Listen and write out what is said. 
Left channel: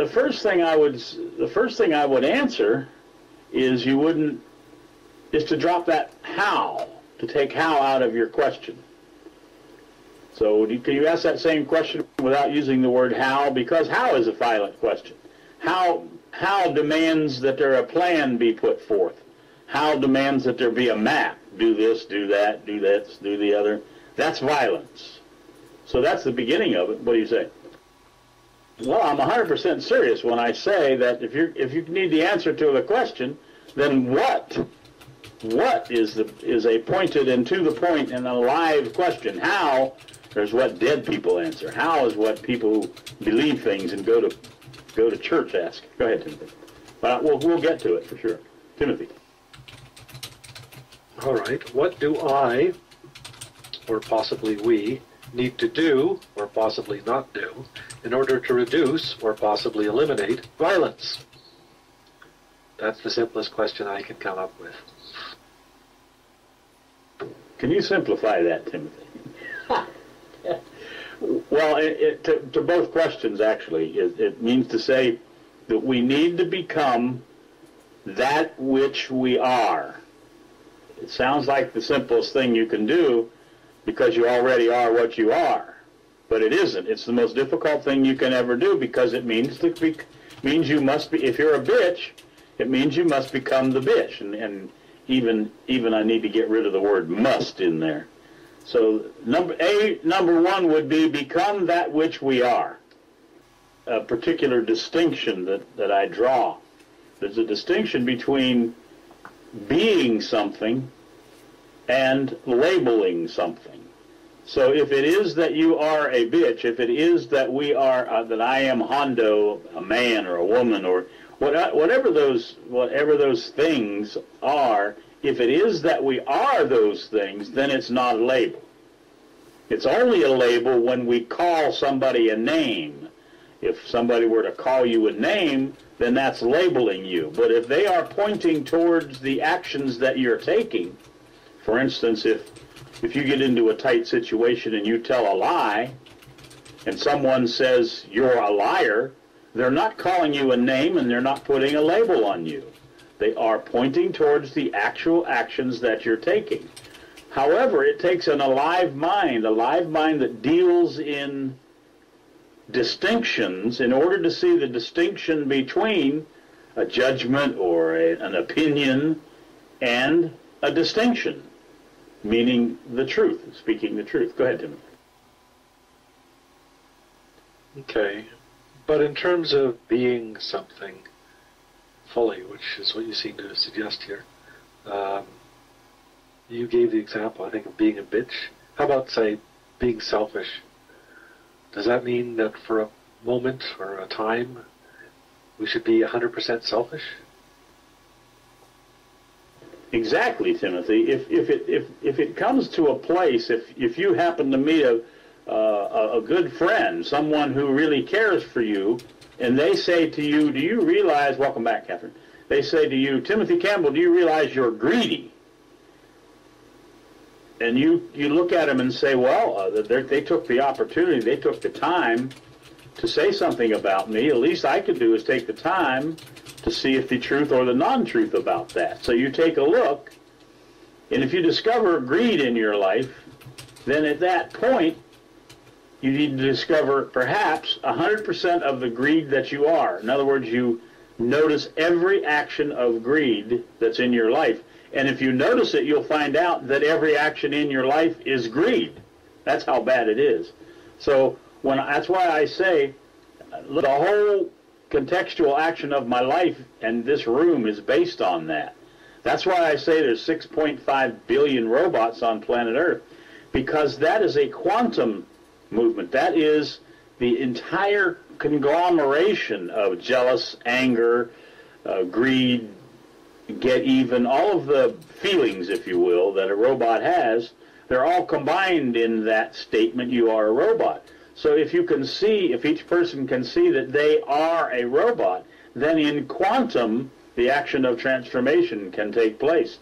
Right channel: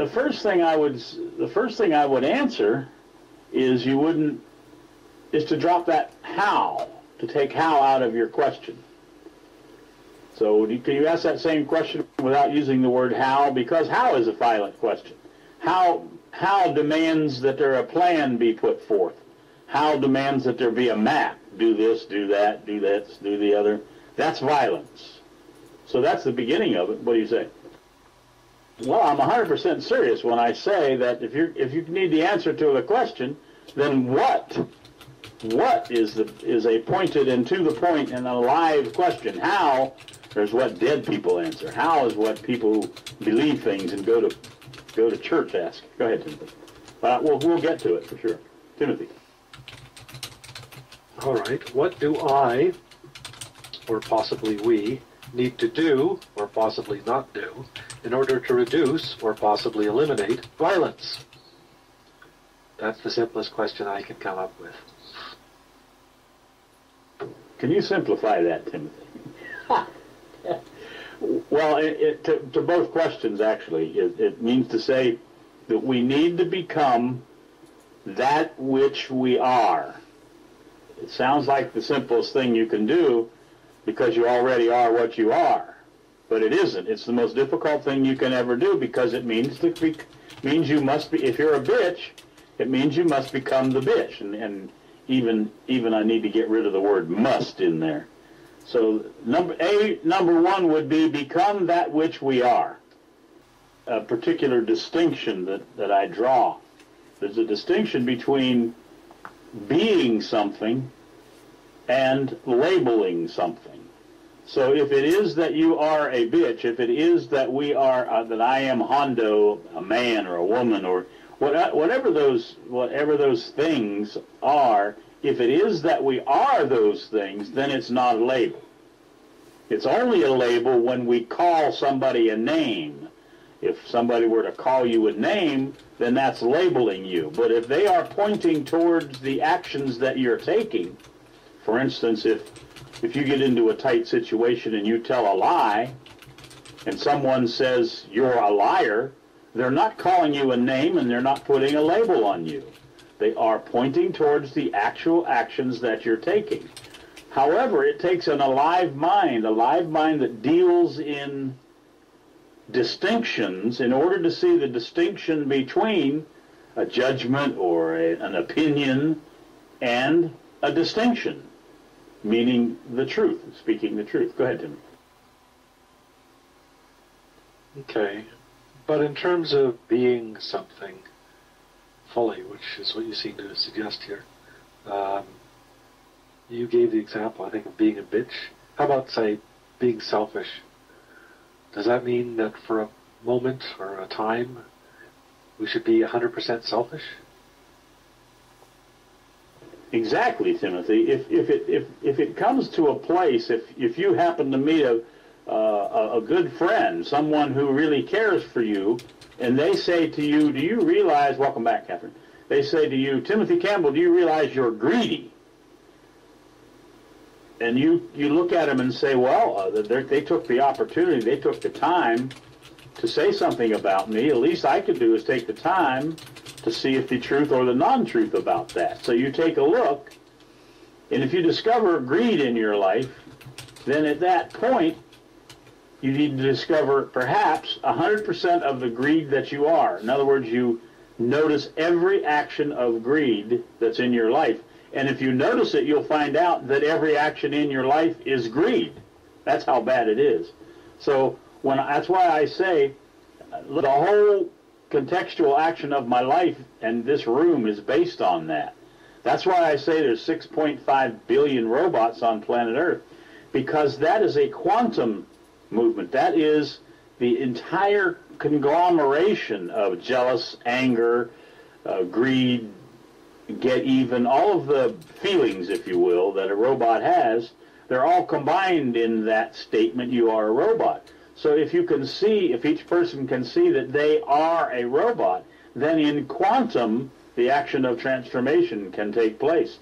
the first thing I would answer is is to drop that how, to take how out of your question. So can you ask that same question without using the word how? Because how is a violent question. How demands that there a plan be put forth. How demands that there be a map. Do this, do that, do this, do the other. That's violence. So that's the beginning of it. What do you say? Well, I'm 100% serious when I say that if you need the answer to the question, then what is a pointed and to the point and a live question. How, there's what dead people answer. How is what people who believe things and go to church ask. Go ahead, Timothy. But we'll get to it for sure. Timothy. All right. What do I, or possibly we, need to do, or possibly not do, in order to reduce, or possibly eliminate, violence? That's the simplest question I can come up with. Can you simplify that, Timothy? Well, to both questions, actually, it means to say that we need to become that which we are. It sounds like the simplest thing you can do because you already are what you are. But it isn't. It's the most difficult thing you can ever do because it means you must be, if you're a bitch, it means you must become the bitch. And even I need to get rid of the word must in there. So number one would be become that which we are. A particular distinction that I draw. There's a distinction between being something and labeling something. So if it is that you are a bitch, if it is that we are, that I am Hondo, a man or a woman, or whatever those things are, if it is that we are those things, then it's not a label. It's only a label when we call somebody a name. If somebody were to call you a name, then that's labeling you. But if they are pointing towards the actions that you're taking, for instance, if you get into a tight situation and you tell a lie, and someone says you're a liar, they're not calling you a name and they're not putting a label on you. They are pointing towards the actual actions that you're taking. However, it takes an alive mind that deals in distinctions in order to see the distinction between a judgment or an opinion and a distinction, meaning the truth, speaking the truth. Go ahead, Timothy. Okay, but in terms of being something fully, which is what you seem to suggest here, you gave the example, I think, of being a bitch. How about, say, being selfish? Does that mean that for a moment or a time we should be 100% selfish? Exactly, Timothy. If it comes to a place, if you happen to meet a good friend, someone who really cares for you, and they say to you, do you realize, welcome back, Catherine, they say to you, Timothy Campbell, do you realize you're greedy? And you look at them and say, well, they took the opportunity, they took the time to say something about me. At least I could do is take the time to see if the truth or the non-truth about that. So you take a look, and if you discover greed in your life, then at that point, you need to discover perhaps 100% of the greed that you are. In other words, you notice every action of greed that's in your life. And if you notice it, you'll find out that every action in your life is greed. That's how bad it is. So that's why I say the whole contextual action of my life and this room is based on that. That's why I say there's 6.5 billion robots on planet Earth, because that is a quantum movement. That is the entire conglomeration of jealous, anger, greed, get even, all of the feelings, if you will, that a robot has. They're all combined in that statement, you are a robot. So if you can see, if each person can see that they are a robot, then in quantum, the action of transformation can take place.